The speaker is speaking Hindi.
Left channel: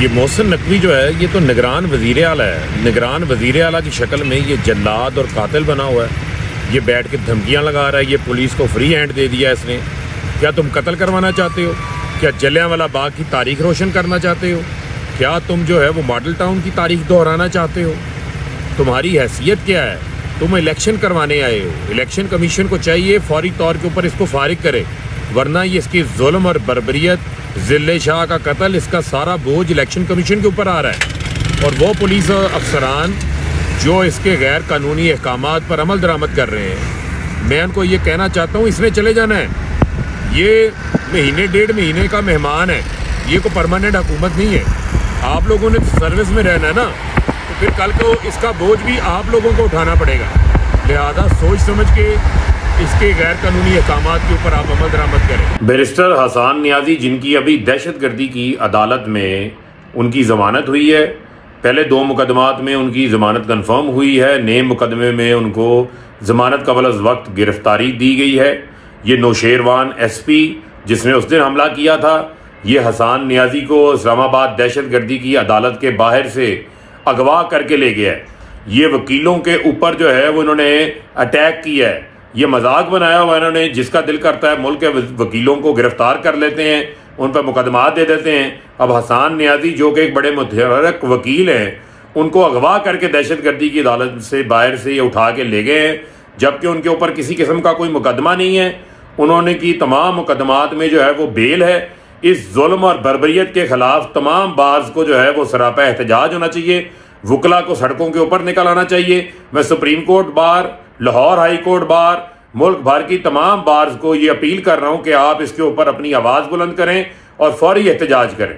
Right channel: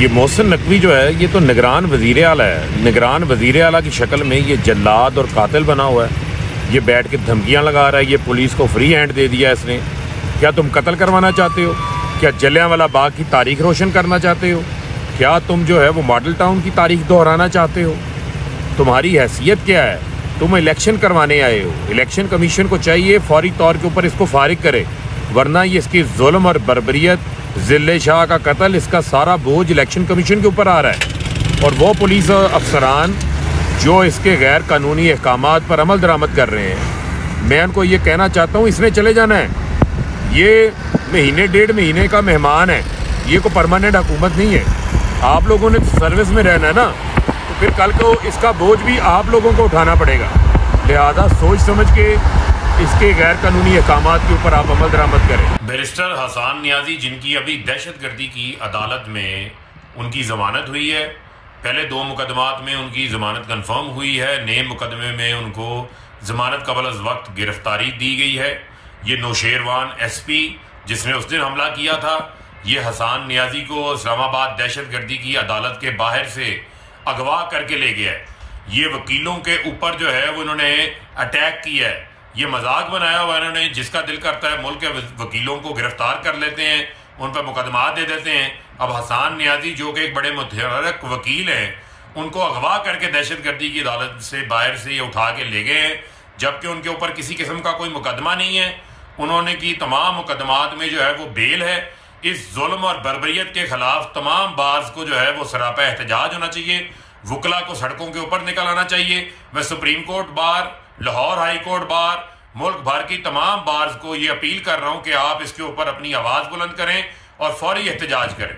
ये मोहसिन नकवी जो है ये तो निगरान वज़ीर आला है। निगरान वज़ीर आला की शक्ल में ये जल्लाद और कातिल बना हुआ है। ये बैठ के धमकियां लगा रहा है। ये पुलिस को फ्री हैंड दे दिया इसने। क्या तुम कत्ल करवाना चाहते हो? क्या जलियांवाला बाग की तारीख रोशन करना चाहते हो? क्या तुम जो है वो मॉडल टाउन की तारीख दोहराना चाहते हो? तुम्हारी हैसियत क्या है? तुम इलेक्शन करवाने आए हो। इलेक्शन कमीशन को चाहिए फौरी तौर के ऊपर इसको फारिग करे, वरना ये इसकी जुल्म और बर्बरियत, जिले शाह का कत्ल, इसका सारा बोझ इलेक्शन कमीशन के ऊपर आ रहा है। और वो पुलिस अफसरान जो इसके गैर कानूनी अहकामात पर अमल दरामद कर रहे हैं, मैं उनको ये कहना चाहता हूँ इसने चले जाना है। ये महीने डेढ़ महीने का मेहमान है, ये कोई परमानेंट हुकूमत नहीं है। आप लोगों ने सर्विस में रहना है ना, तो फिर कल को इसका बोझ भी आप लोगों को उठाना पड़ेगा। लिहाजा सोच समझ के इसके गैर कानूनी अहकामात के ऊपर आप अमल दरामद करें। बैरिस्टर हसन नियाजी, जिनकी अभी दहशतगर्दी की अदालत में उनकी जमानत हुई है, पहले 2 मुकदमात में उनकी जमानत कन्फर्म हुई है। नए मुकदमे में उनको जमानत कबल अज़ वक्त गिरफ्तारी दी गई है। ये नौशेरवान SP जिसने उस दिन हमला किया था, ये हसन नियाजी को इस्लामाबाद दहशतगर्दी की अदालत के बाहर से अगवा करके ले गया है। ये वकीलों के ऊपर जो है वो इन्होंने अटैक किया है। ये मजाक बनाया हुआ इन्होंने, जिसका दिल करता है मुल्क के वकीलों को गिरफ्तार कर लेते हैं, उन पर मुकदमा दे देते हैं। अब हसन नियाजी जो कि एक बड़े मुतहर्रिक वकील हैं, उनको अगवा करके दहशतगर्दी की अदालत से बाहर से ये उठा के ले गए हैं, जबकि उनके ऊपर किसी किस्म का कोई मुकदमा नहीं है। उन्होंने की तमाम मुकदमात में जो है वो बेल है। इस जुल्म और बर्बरियत के खिलाफ तमाम बाज को जो है वो सरापा एहतजाज होना चाहिए। वकला को सड़कों के ऊपर निकल आना चाहिए। मैं supreme court bar, Lahore high court bar, मुल्क भर की तमाम बार्स को ये अपील कर रहा हूं कि आप इसके ऊपर अपनी आवाज बुलंद करें और फौरी एहतजाज करें।